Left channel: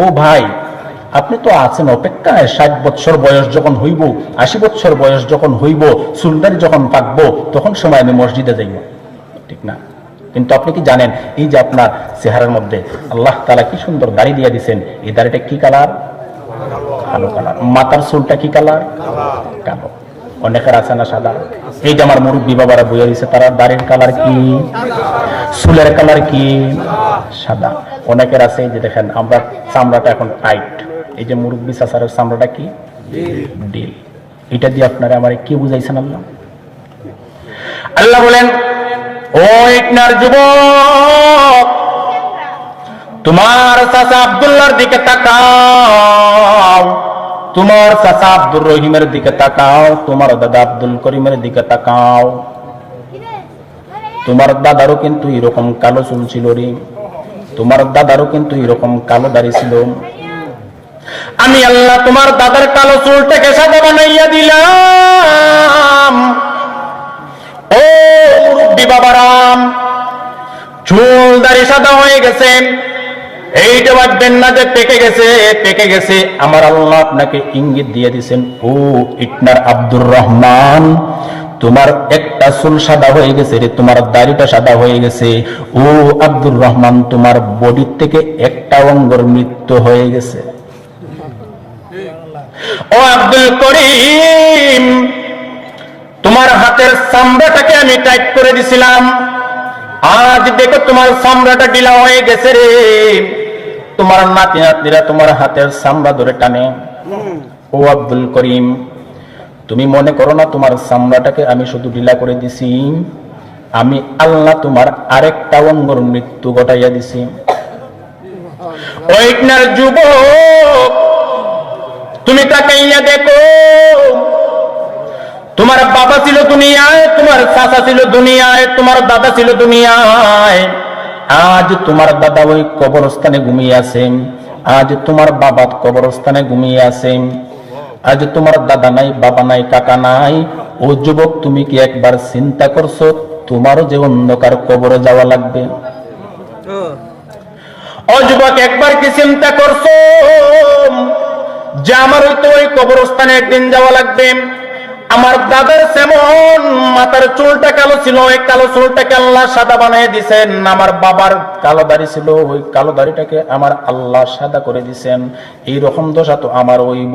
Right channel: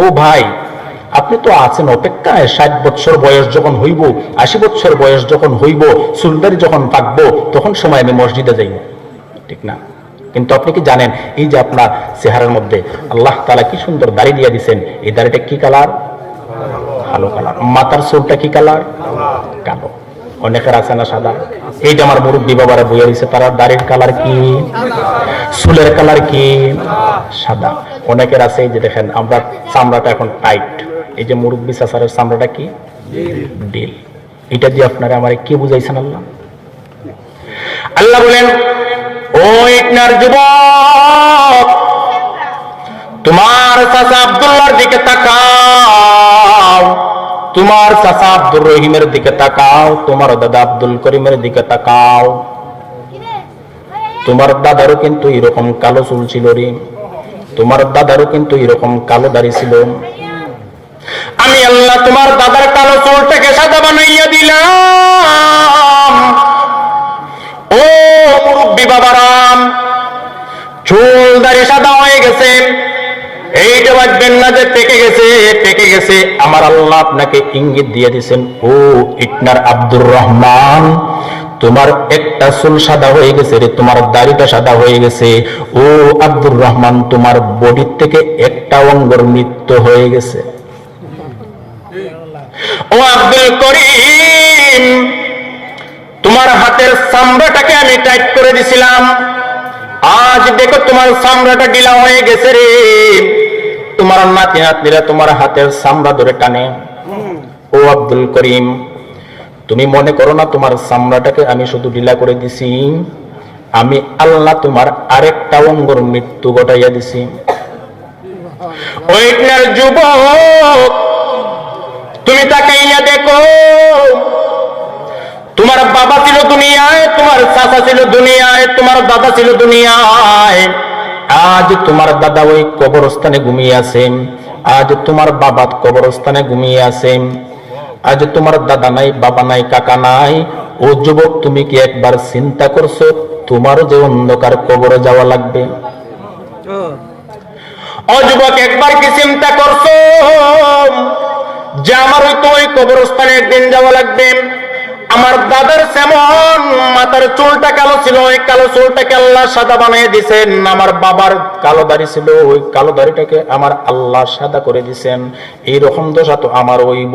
ও ভাই, আপনি তো আছেন অপেক্ষায়, 60 বছর বয়স যখন হইব, 80 বছর বয়স যখন হইব, চুলদারি যখন পাকবো, তখন সময় আমি মসজিদে যাইব, ঠিক না? কিন্তু আপনি কি জানেন, এই যে আপনার চেহারার মধ্যে আল্লাহ তাআলা কি সুন্দর দাড়ি দিয়ে দিচ্ছেন, এই দাড়িটা কি কালার? কালো কালার। মাথার চুলটা কি কালার? কালো। অনেকের আছে না সাদা? এই যে আমার মুরব্বী বাবারা বইয়া দিচ্ছে, তারা দাড়ির কালার কি, চুলের কালার কি, সাদা। অনেকের আছে এই যে দেখেন, আমরা চামড়াটা এখন টাইট, এই যে মুরব্বী চাচারের চামড়াটা কি, ডিল। এটা দিয়ে আপনারা আমার কি বুঝাইছেন? আল্লাহ আল্লাহ বলেন, ও ইটনার যুবক, তোমার চাচা আব্দুল্লাহর দিকে তাকাও, তোমার চাচা আব্দুর রহিমের দিকে তাকাও, তোমার দাদা আব্দুল করিমের দিকে তাকাও। তোমার দাদারও কিন্তু এরকম কালো চুল ছিল রে, তোমার দাদারও কিন্তু এরকম কালো দাড়ি ছিল। আমি আল্লাহ তোমার দাদার কালো চুলটাকে সাদা বানাইয়া দিলাম। ও মুরব্বী বাবারাম, চুল দাড়ি সাদা হয়ে গেছেন, এইটা ভাববেন না যে পেকে গেছে, পেকে গেছে। আমার আল্লাহ আপনাকে ইঙ্গিত দিয়ে দিচ্ছেন, ও ইটনার আব্দুর রহমান, তোমার একটা চুল সাদা হয়ে গেছে রে, তোমার দাড়িটা সাদা হয়ে গেছে। ও আব্দুর রহমান, তোমার বডির থেকে একটা অঙ্গের মৃত্যু হয়ে গেছে। ও আব্দুল করিম, তোমার হাতের চামড়াটাকে আমি টাইট করে দিছিলাম, আজ দেখো তোমার চামড়াটা ঢিলা হয়ে গেছে রে। তোমার নাতি নাতনিরা তোমার হাতের চামড়া ধরে টানে। ও আব্দুল করিম, তুমি মনে করো না তোমার চামড়াটাকে আমি শুধু ঢিলা করে দিছি, আমি আল্লাহ তোমার আরেকটা অঙ্গর মৃত্যু ঘটাইয়া দিছি। ওইটার যুবক, তুমি তাকাইয়া দেখো, তোমার বাবা ছিল দুনিয়ায়, তোমার চাচা ছিল দুনিয়ায়, তোমার দাদা ছিল দুনিয়ায়। আজ তোমার দাদা ওই কবরস্থানে ঘুমিয়ে আছেন, আজ তোমার বাবা কবরস্থানে ঘুমিয়ে আছেন, আজ তোমার দাদা নাই, বাবা নাই, কাকা নাই। ও যুবক, তুমি কি একবার চিন্তা করছো তোমারও যে অন্ধকার কবরে যাওয়া লাগবে? ও যুবক, একবার কি চিন্তা করছো যে আমার ওই কবরস্থানে একদিন যাওয়া লাগবে? আমার দাদার যেমন মাথার চুলটা কালো ছিল, ওই কালো চুলটাকে আল্লাহ সাদা বানিয়ে দিয়েছেন। আমার বাবার কালো দাড়ি ছিল, ওই কালো দাড়িটাকে আমার আল্লাহ সাদা করে দিয়েছেন। এইরকম দশা তো আমার হইব।